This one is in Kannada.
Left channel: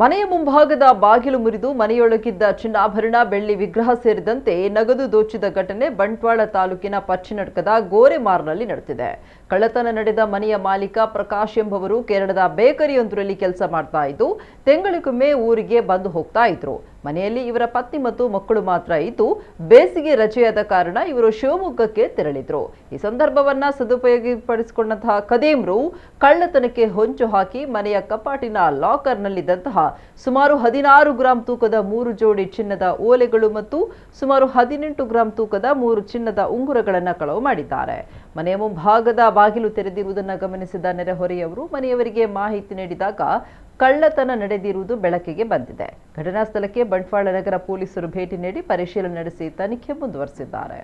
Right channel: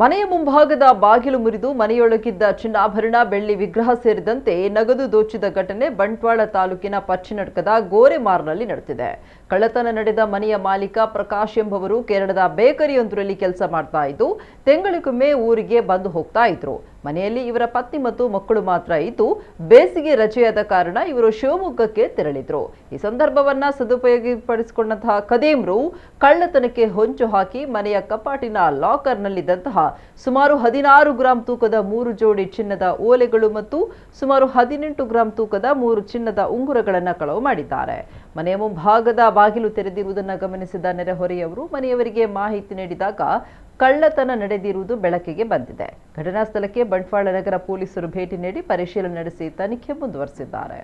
ಮನೆಯ ಮುಂಭಾಗದ ಬಾಗಿಲು ಮುರಿದು ಮನೆಯೊಳಗಿದ್ದ ಚಿನ್ನಾಭರಣ ಬೆಳ್ಳಿ ವಿಗ್ರಹ ಸೇರಿದಂತೆ ನಗದು ದೋಚಿದ ಘಟನೆ ಬಂಟ್ವಾಳ ತಾಲೂಕಿನ ಪಚ್ಚಿನಡ್ಕದ ಗೋರೆಮಾರ್ನಲ್ಲಿ ನಡೆದಿದೆ. ಕಳ್ಳತನ ನಡೆದ ಮನೆಯ ಮಾಲೀಕ ಪ್ರಕಾಶ್ ಎಂಬುವರು ಕೇರಳದ ಬೇಕರಿಯೊಂದರಲ್ಲಿ ಕೆಲಸ ಮಾಡ್ತಾ ಇದ್ದು ತಿಂಗಳಿಗೊಮ್ಮೆ ಊರಿಗೆ ಬಂದು ಹೋಗ್ತಾ ಇದ್ರು. ಮನೆಯಲ್ಲಿ ಇವರ ಪತ್ನಿ ಮತ್ತು ಮಕ್ಕಳು ಮಾತ್ರ ಇದ್ದು ಬೇಸಿಗೆ ರಜೆಯಾದ ಕಾರಣ ಇವರು ಶಿವಮೊಗ್ಗಕ್ಕೆ ತೆರಳಿದ್ರು. ಈ ಸಂದರ್ಭವನ್ನ ಸದುಪಯೋಗಪಡಿಸಿಕೊಂಡಂತಹ ಕದೀಮ್ರು ಕಳ್ಳತನಕ್ಕೆ ಹೊಂಚು ಹಾಕಿ ಮನೆಯ ಕಪಾಟಿನ ಲಾಕರ್ನಲ್ಲಿದ್ದಂತಹ ಸುಮಾರು 16 ಗ್ರಾಂ ತೂಕದ 3 ಜೋಡಿ ಚಿನ್ನದ ಓಲೆಗಳು ಮತ್ತು ಸುಮಾರು 18 ಗ್ರಾಂ ತೂಕದ 3 ಚಿನ್ನದ ಉಂಗುರಗಳನ್ನು ಕಳವು ಮಾಡಿದ್ದಾರೆ. ಮನೆಯ ಮುಂಭಾಗದ ಬಾಗಿಲು ತೆರೆದಿರುವುದನ್ನು ಗಮನಿಸಿದ ನೆರೆಹೊರೆಯವರು ಮನೆಯವರಿಗೆ ಮಾಹಿತಿ ನೀಡಿದಾಗ ಕಳ್ಳತನ ನಡೆದಿರುವುದು ಬೆಳಕಿಗೆ ಬಂದಿದೆ. ಘಟನಾ ಸ್ಥಳಕ್ಕೆ ಬಂಟ್ವಾಳ ನಗರ ಪೊಲೀಸರು ಭೇಟಿ ನೀಡಿ ಪರಿಶೀಲನೆ ನಡೆಸಿ ತನಿಖೆ ಮುಂದುವರೆಸಿದ್ದಾರೆ.